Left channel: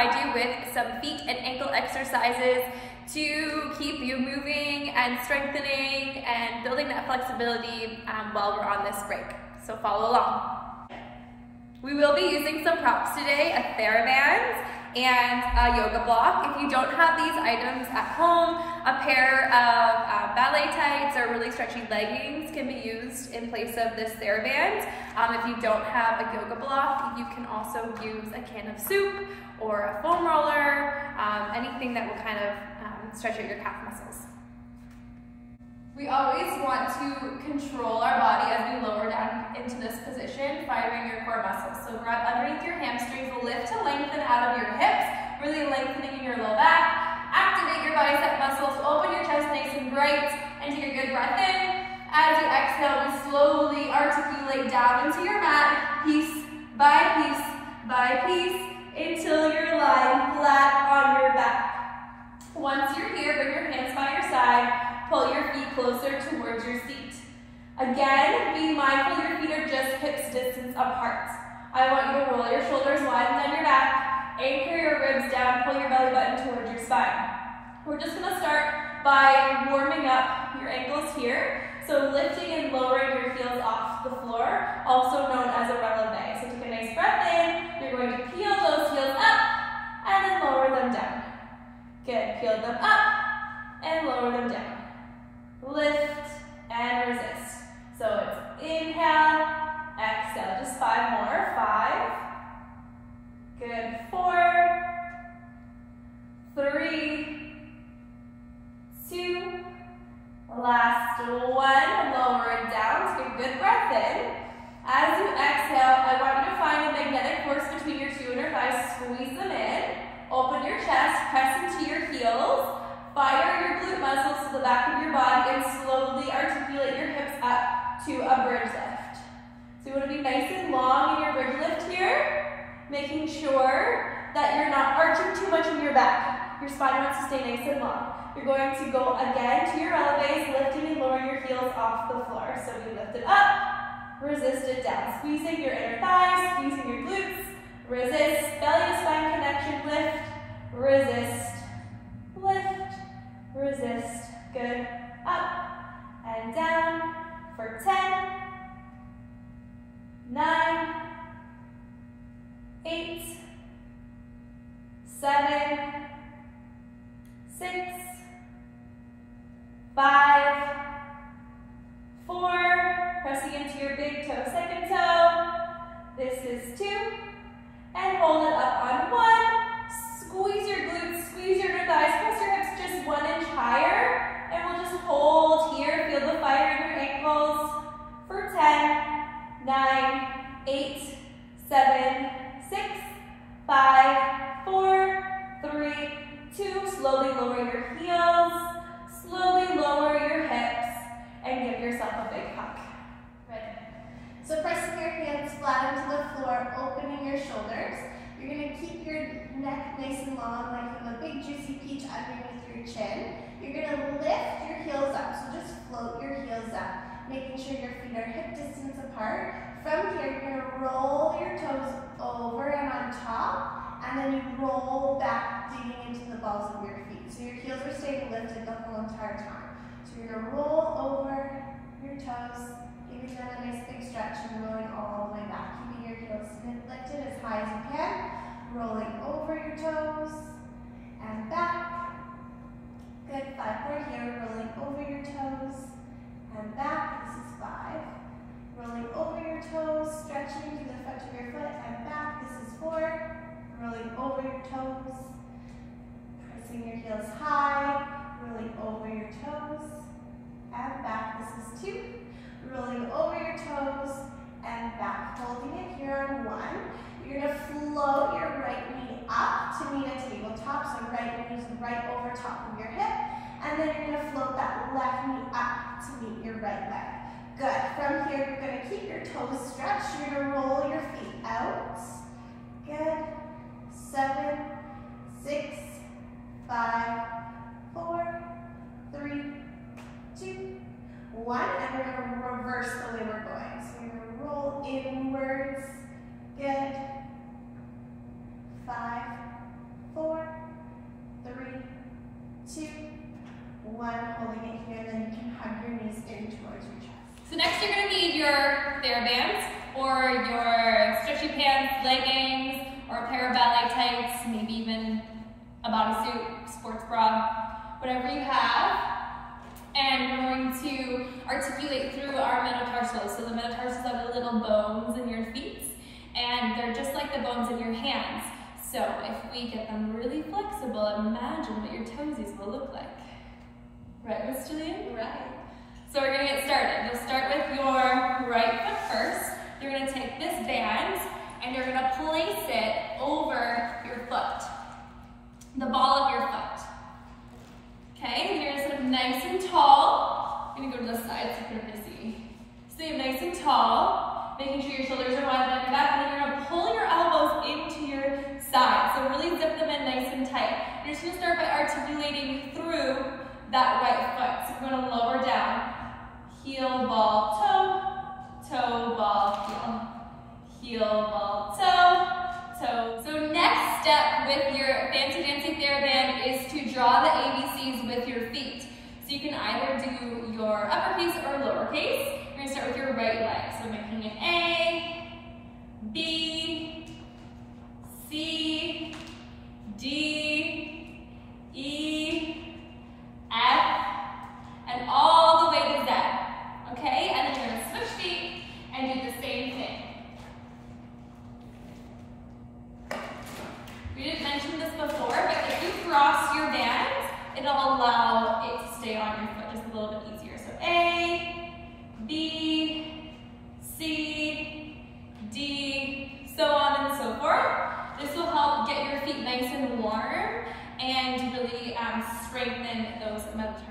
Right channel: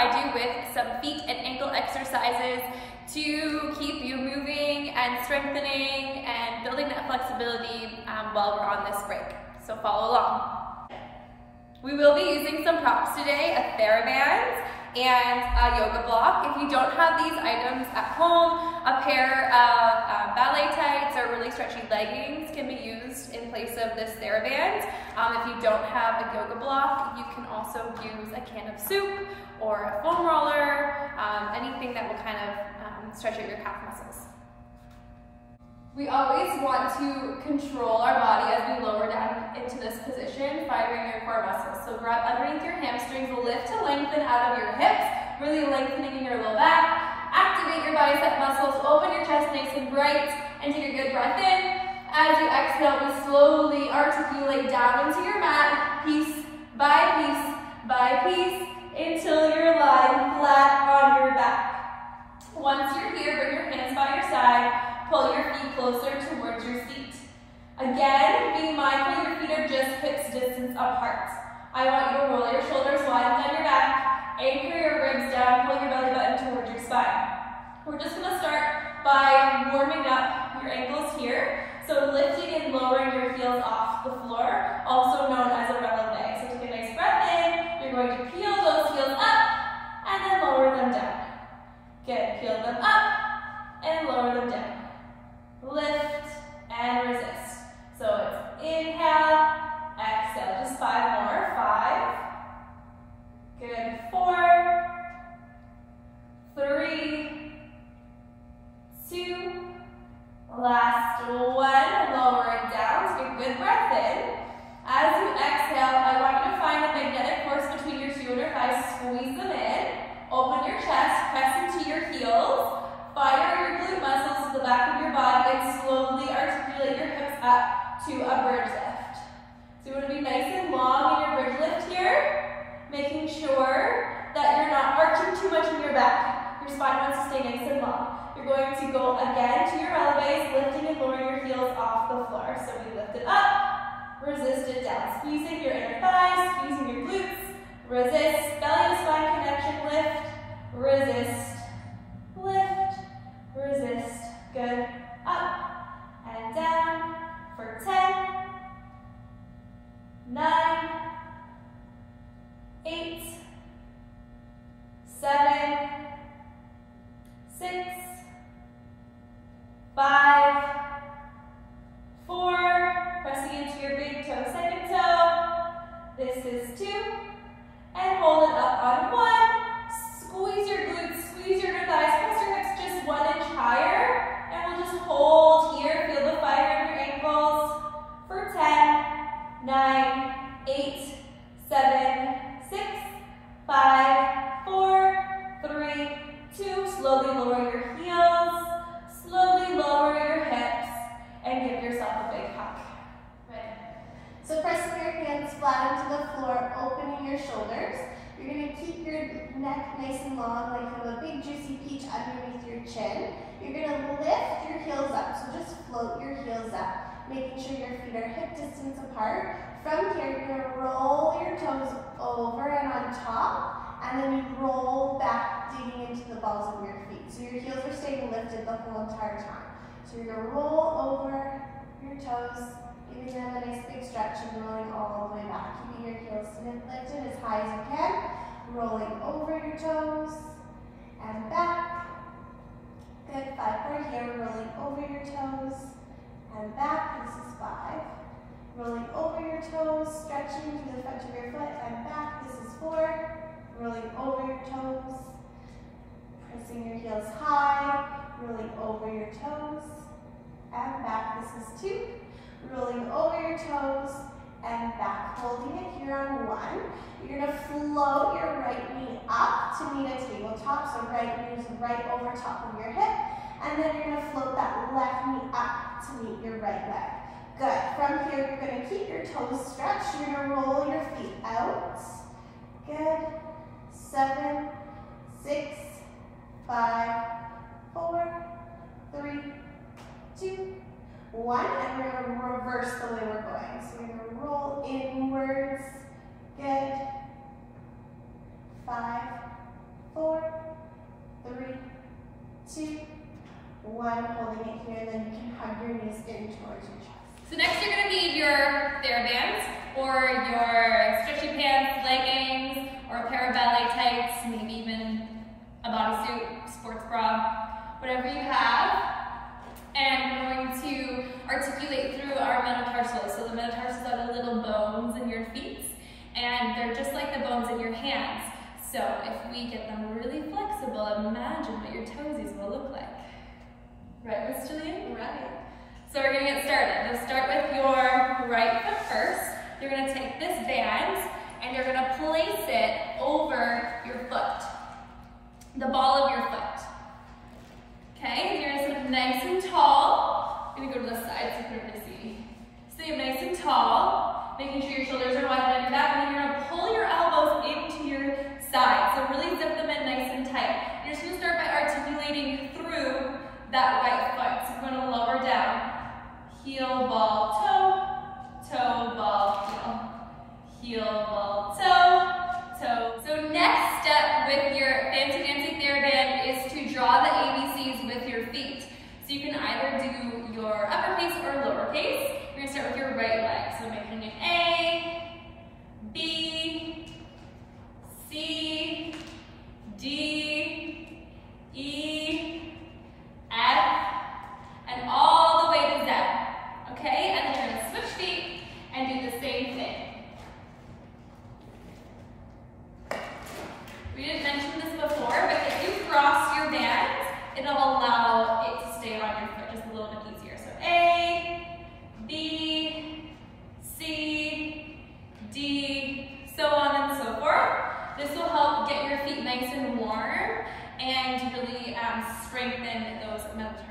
provide you with some feet and ankle exercises to keep you moving and strengthening and building that flexibility while we're on this break. So follow along. We will be using some props today, a TheraBand and a yoga block. If you don't have these items at home, a pair of ballet tights or really stretchy leggings can be used in place of this TheraBand. If you don't have a yoga block, you can also use a can of soup or a foam roller, anything that will kind of stretch out your calf muscles. We always want to control our body as we lower down into this position, firing your core muscles. So grab underneath your hamstrings, lift to lengthen out of your hips, really lengthening in your low back. Activate your bicep muscles, open your chest nice and bright, and take a good breath in. As you exhale, we slowly articulate down into your mat, piece by piece by piece, until you're lying flat on your back. Once you're here, bring your hands by your side. Pull your feet closer towards your seat. Again, be mindful your feet are just hips distance apart. I want you to roll your shoulders wide down your back, anchor your ribs down, pull your belly button towards your spine. We're just going to start by warming up your ankles here. So lifting and lowering your heels off the floor, also known as a releve. So take a nice breath in, you're going to peel those heels up and then lower them down. Good, peel them up and lower them down. Lift and resist. So it's inhale, exhale. Just 5 more. 5. Good. 4, 3, 2. Last 1. Lower it down. Take a good breath in. As you exhale, I want you to find the magnetic force between your 2 inner thighs. Squeeze them in. Open your chest. Press into your heels. Fire your glute muscles to the back of your body and slowly articulate your hips up to a bridge lift. So you want to be nice and long in your bridge lift here, making sure that you're not arching too much in your back. Your spine wants to stay nice and long. You're going to go again to your releves, lifting and lowering your heels off the floor. So we lift it up, resist it down. Squeezing your inner thighs, squeezing your glutes, resist, belly to spine connection, lift, resist, lift, resist, good, up and down for 10, 9, 8, 7, 6, 5, 4, pressing into your big toe, second toe, this is 2, and hold it up on 1, squeeze your glutes, squeeze your inner thighs, press your hips just 1 inch higher, and we'll just hold here, feel the fire in your ankles for 10, 9, 8, 7, 6, 5, 4, 3, 2, slowly lower your heels, slowly lower your hips, and give yourself a big hug. Ready? So pressing your hands flat into the floor, opening your shoulders. You're going to keep your neck nice and long, like you have a big juicy peach underneath your chin. You're going to lift your heels up, so just float your heels up, making sure your feet are hip distance apart. From here, you're going to roll your toes over and on top, and then you roll back, digging into the balls of your feet. So your heels are staying lifted the whole entire time. So you're going to roll over your toes, giving them a nice big stretch and rolling all the way back. Keeping your heels lifted as high as you can. Rolling over your toes and back. Good, 5 more here. Rolling over your toes and back. This is 5. Rolling over your toes, stretching to the front of your foot and back. This is 4. Rolling over your toes. Pressing your heels high. Rolling over your toes and back. This is 2. Rolling over your toes and back. Holding it here on 1. You're going to float your right knee up to meet a tabletop. So right knee is right over top of your hip. And then you're going to float that left knee up to meet your right leg. Good. From here, you're going to keep your toes stretched. You're going to roll your feet out. Good. 7, 6, 5, 4, 3, 2, 1. And we're going to reverse the way we're going. So you're going to roll inwards. Good. 5, 4, 3, 2, 1. Holding it here, then you can hug your knees in towards your chest. So next you're going to need your TheraBands or your stretchy pants, leggings, or a pair of ballet tights, maybe even a bodysuit, sports bra, whatever you have. And we're going to articulate through our metatarsals. So the metatarsals are the little bones in your feet, and they're just like the bones in your hands. So if we get them really flexible, imagine what your toesies will look like. Right, Miss Jillian? Right. So we're gonna get started. You'll start with your right foot first. You're gonna take this band and you're gonna place it over your foot, the ball of your foot. Okay, you're gonna sit up nice and tall. I'm gonna go to the side so you can really see. Stay up nice and tall, making sure your shoulders are wide down your back, and then you're gonna pull your elbows into your side. So really zip them in nice and tight. You're just gonna start by articulating through that right foot. So you're gonna lower down. Heel, ball, toe, toe, ball, heel. Heel, ball, toe, toe. So next step with your fancy TheraBand is to draw the ABCs with your feet. So you can either do your uppercase or lowercase. You're gonna start with your right leg. So making it A, B, C, D, E, F, and all the way to Z. Okay, and then you're gonna switch feet and do the same thing. We didn't mention this before, but if you cross your bands, it'll allow it to stay on your foot just a little bit easier. So A, B, C, D, so on and so forth. This will help get your feet nice and warm and really strengthen those metatarsals.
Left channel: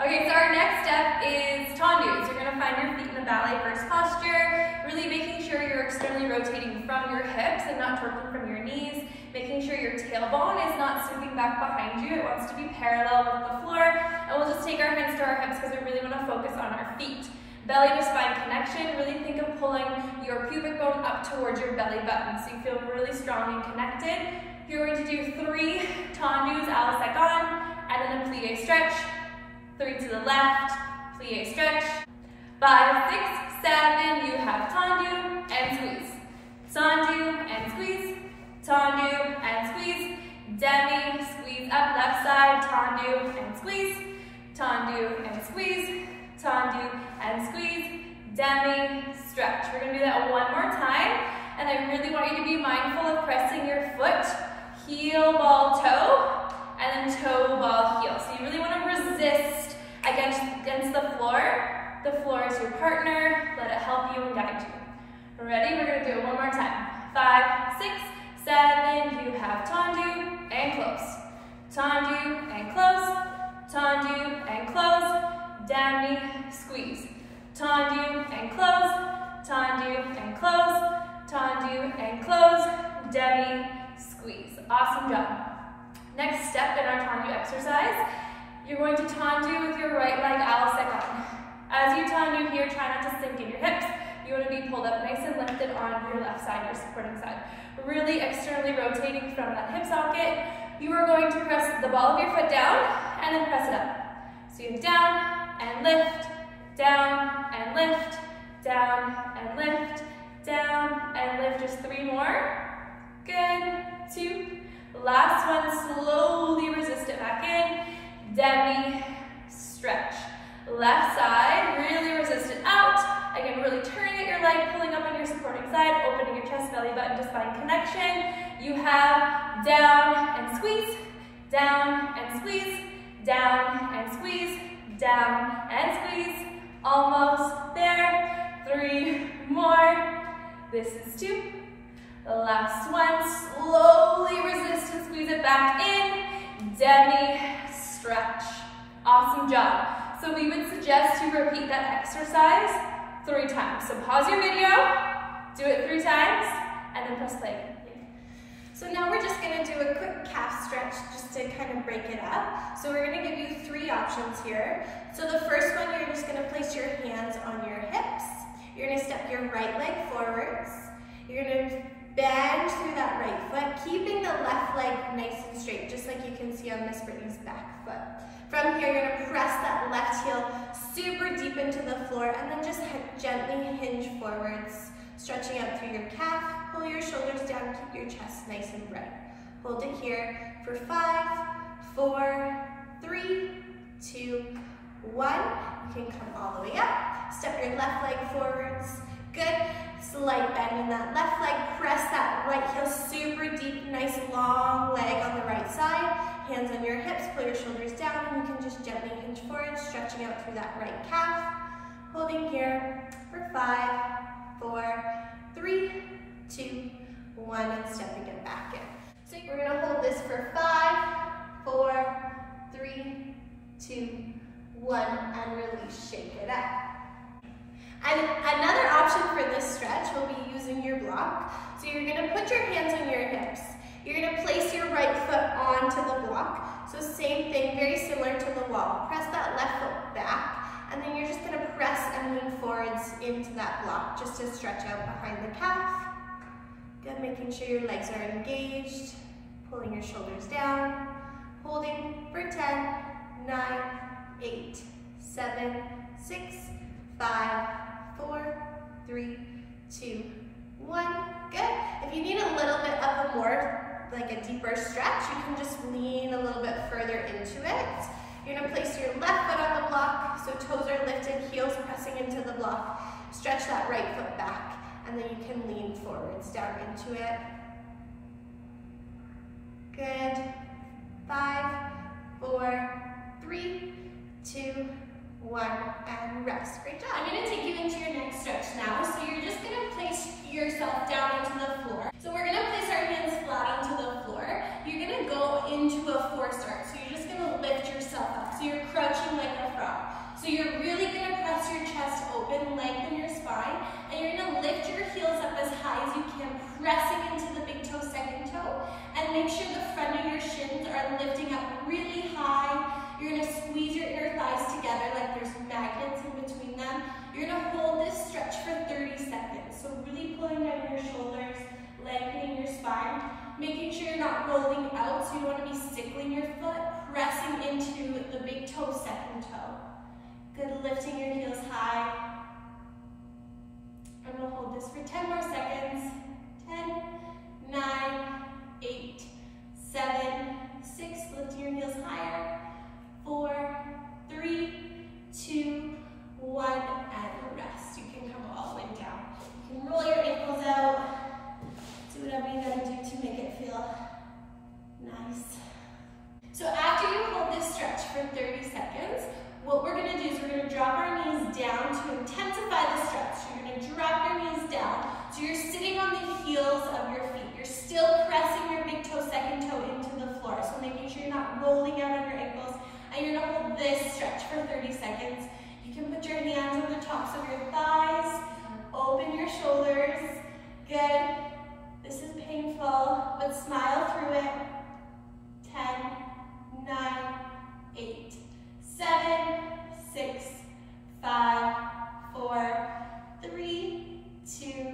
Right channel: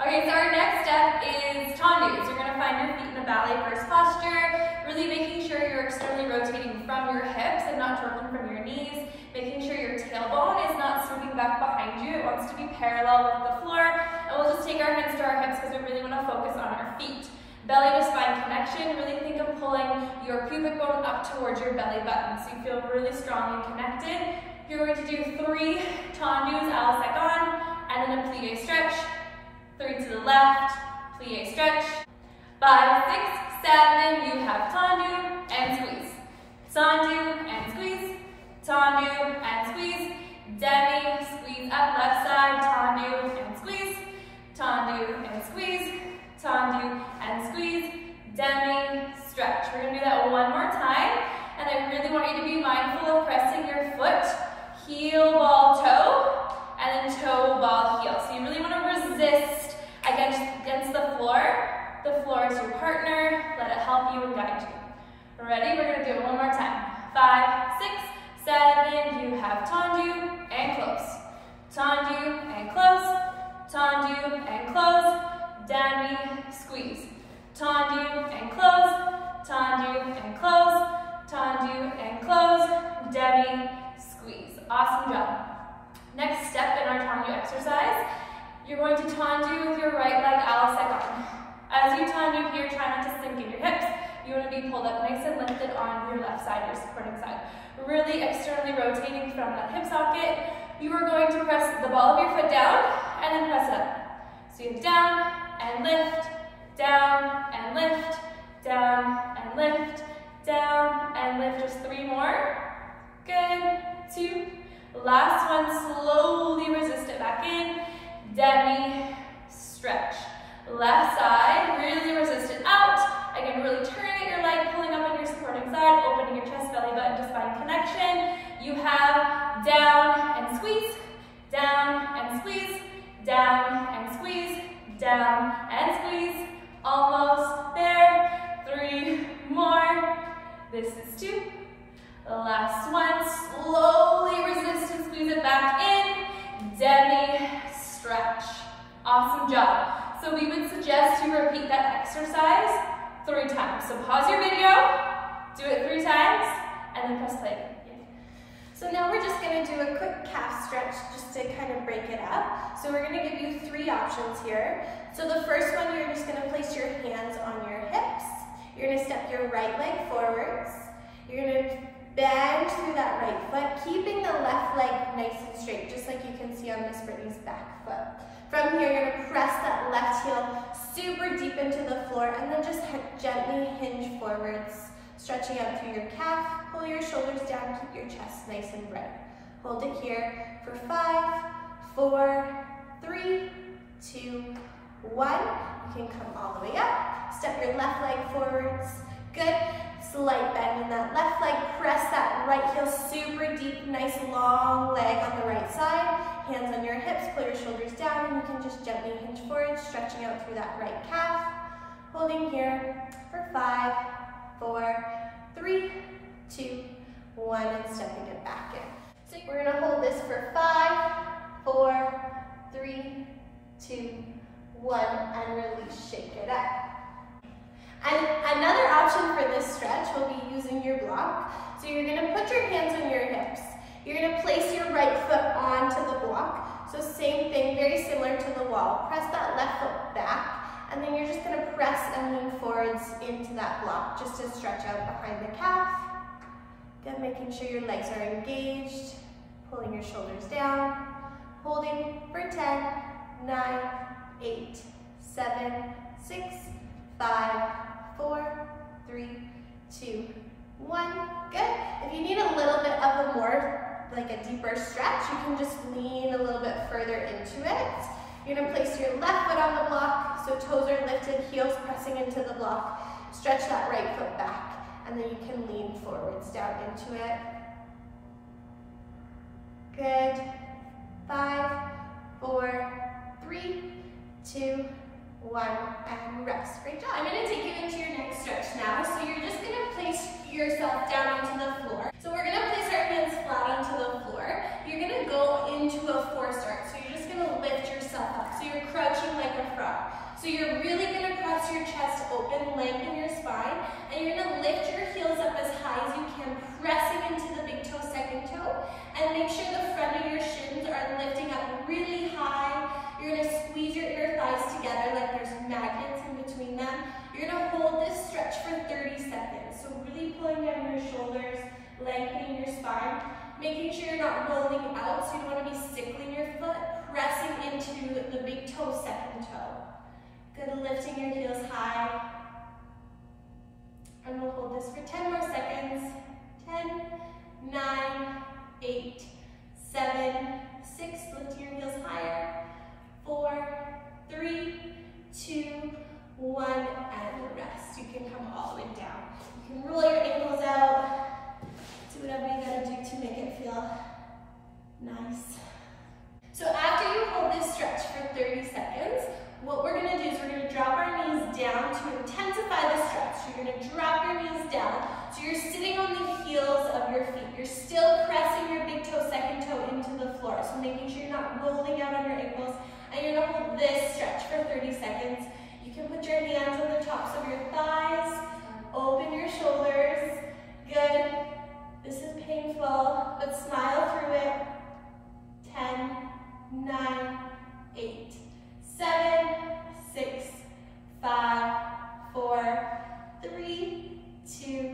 Okay, so our next step is tendus. You're gonna find your feet in a ballet first posture, really making sure you're externally rotating from your hips and not torquing from your knees, making sure your tailbone is not sweeping back behind you. It wants to be parallel with the floor, and we'll just take our hands to our hips because we really wanna focus on our feet. Belly to spine connection, really think of pulling your pubic bone up towards your belly button so you feel really strong and connected. You're going to do 3 tendus a la seconde, and then a plie stretch. 3 to the left, plie stretch. 5, 6, 7, you have tendu and squeeze. Tendu and squeeze, tendu and squeeze, demi, squeeze up left side, tendu and squeeze, tendu and squeeze, tendu and squeeze, demi, stretch. We're gonna do that one more time, and I really want you to be mindful of pressing your foot, heel, ball, toe, and then toe, ball, heel. So you really wanna resist against the floor. The floor is your partner. Let it help you and guide you. Ready? We're gonna do it one more time. 5, 6, 7, you have tendu and close. Tendu and close, tendu and close, demi, squeeze. Tendu and close, tendu and close, tendu and close, demi, squeeze. Awesome job. Next step in our tendu exercise, you're going to tendu with your right leg a la seconde. As you tendu here, try not to sink in your hips. You want to be pulled up nice and lifted on your left side, your supporting side. Really externally rotating from that hip socket. You are going to press the ball of your foot down and then press it up. So you have down and lift, down and lift, down and lift, down and lift. Just 3 more. Good. 2. Last one, slowly resist it back in. Demi, stretch. Left side, really resist it out. Again, really turning at your leg, pulling up on your supporting side, opening your chest, belly button to spine connection. You have down and squeeze, down and squeeze, down and squeeze, down and squeeze. Almost there. 3 more. This is 2. The last one, slowly resist and squeeze it back in. Demi, stretch. Awesome job. So we would suggest you repeat that exercise 3 times. So pause your video, do it 3 times, and then press play. So now we're just going to do a quick calf stretch just to kind of break it up. So we're going to give you 3 options here. So the first one, you're just going to place your hands on your hips. You're going to step your right leg forwards. You're going to bend through that right foot, keeping the left leg nice and straight, just like you can see on Miss Brittany's back foot. From here, you're gonna press that left heel super deep into the floor and then just gently hinge forwards, stretching out through your calf. Pull your shoulders down, keep your chest nice and bright. Hold it here for 5, 4, 3, 2, 1. You can come all the way up. Step your left leg forwards. Good. Slight bend in that left leg. Press that right heel super deep, nice long leg on the right side. Hands on your hips, pull your shoulders down, and you can just gently hinge forward, stretching out through that right calf. Holding here for 5, 4, 3, 2, 1, and stepping it back in. So we're gonna hold this for 5, 4, 3, 2, 1, and release, shake it up. And another option for this stretch will be using your block. So you're gonna put your hands on your hips. You're gonna place your right foot onto the block. So same thing, very similar to the wall. Press that left foot back, and then you're just gonna press and lean forwards into that block, just to stretch out behind the calf. Good, making sure your legs are engaged, pulling your shoulders down, holding for 10, 9, 8, 7, 6, 5, 4, 3, 2, 1. Good. If you need a little bit of a more, like a deeper stretch, you can just lean a little bit further into it. You're gonna place your left foot on the block, so toes are lifted, heels pressing into the block. Stretch that right foot back, and then you can lean forwards down into it. Good. 5, 4, 3, 2, 1, and rest. Great job. I'm going to take you into your next stretch now. So you're just going to place yourself down into the floor. So we're going to place our hands flat onto the floor. You're going to go into a 4 start. So you're just going to lift yourself up. So you're crouching like a frog. So you're really going to press your chest open, lengthen your spine, and you're going to lift your heels up as high as you can, pressing into the big toe, second toe, and make sure the front of your shins are lifting up really high. You're going to squeeze your inner thighs together like there's magnets in between them. You're going to hold this stretch for 30 seconds. So really pulling down your shoulders, lengthening your spine, making sure you're not rolling out, so you want to be sickling your foot, pressing into the big toe, second toe. Good, lifting your heels high. And we'll hold this for 10 more seconds. 10, 9, 8, 7, 6, lifting your heels higher. 4, 3, 2, 1, and rest. You can come all the way down. You can roll your ankles out. Do whatever you gotta do to make it feel nice. So after you hold this stretch for 30 seconds, what we're gonna do is we're gonna drop our knees down to intensify the stretch. You're gonna drop your knees down. So you're sitting on the heels of your feet. You're still pressing your big toe, second toe into the floor. So making sure you're not rolling out on your ankles. And you're gonna hold this stretch for 30 seconds. You can put your hands on the tops of your thighs, open your shoulders. Good. This is painful, but smile through it. 10, 9, 8, 7, 6, 5, 4, 3, 2,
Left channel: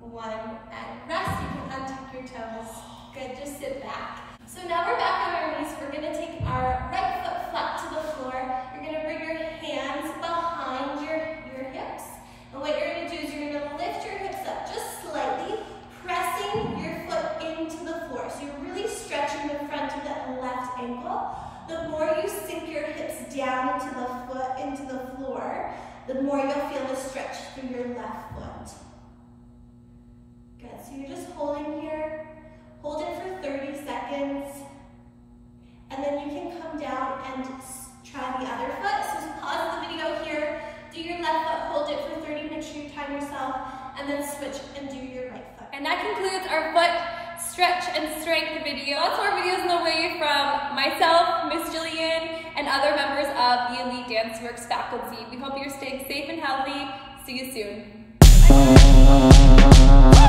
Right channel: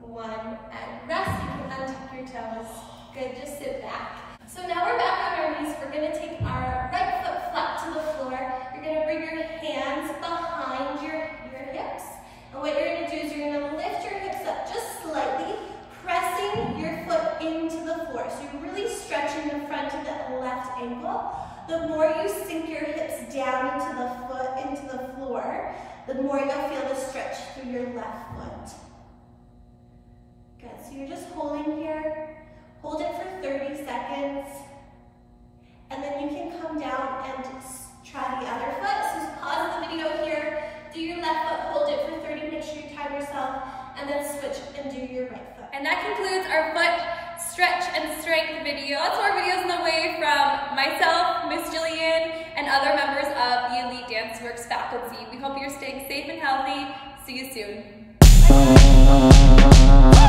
1, and rest. You can untuck your toes. Good, just sit back. So now we're back on our knees. We're gonna take our right foot flat to the floor. You're gonna bring your hands behind your hips. And what you're gonna do is you're gonna lift your hips up just slightly, pressing your foot into the floor. So you're really stretching the front of that left ankle. The more you sink your hips down into the foot, into the floor, the more you'll feel a stretch through your left foot. Good, so you're just holding here. Hold it for 30 seconds. And then you can come down and try the other foot. So pause the video here, do your left foot, hold it for 30, make sure you time yourself, and then switch and do your right foot. And that concludes our foot stretch and strength video. Lots more videos on the way from myself, Miss Jillian, and other members of the Elite Dance Works faculty. We hope you're staying safe and healthy. See you soon. Bye.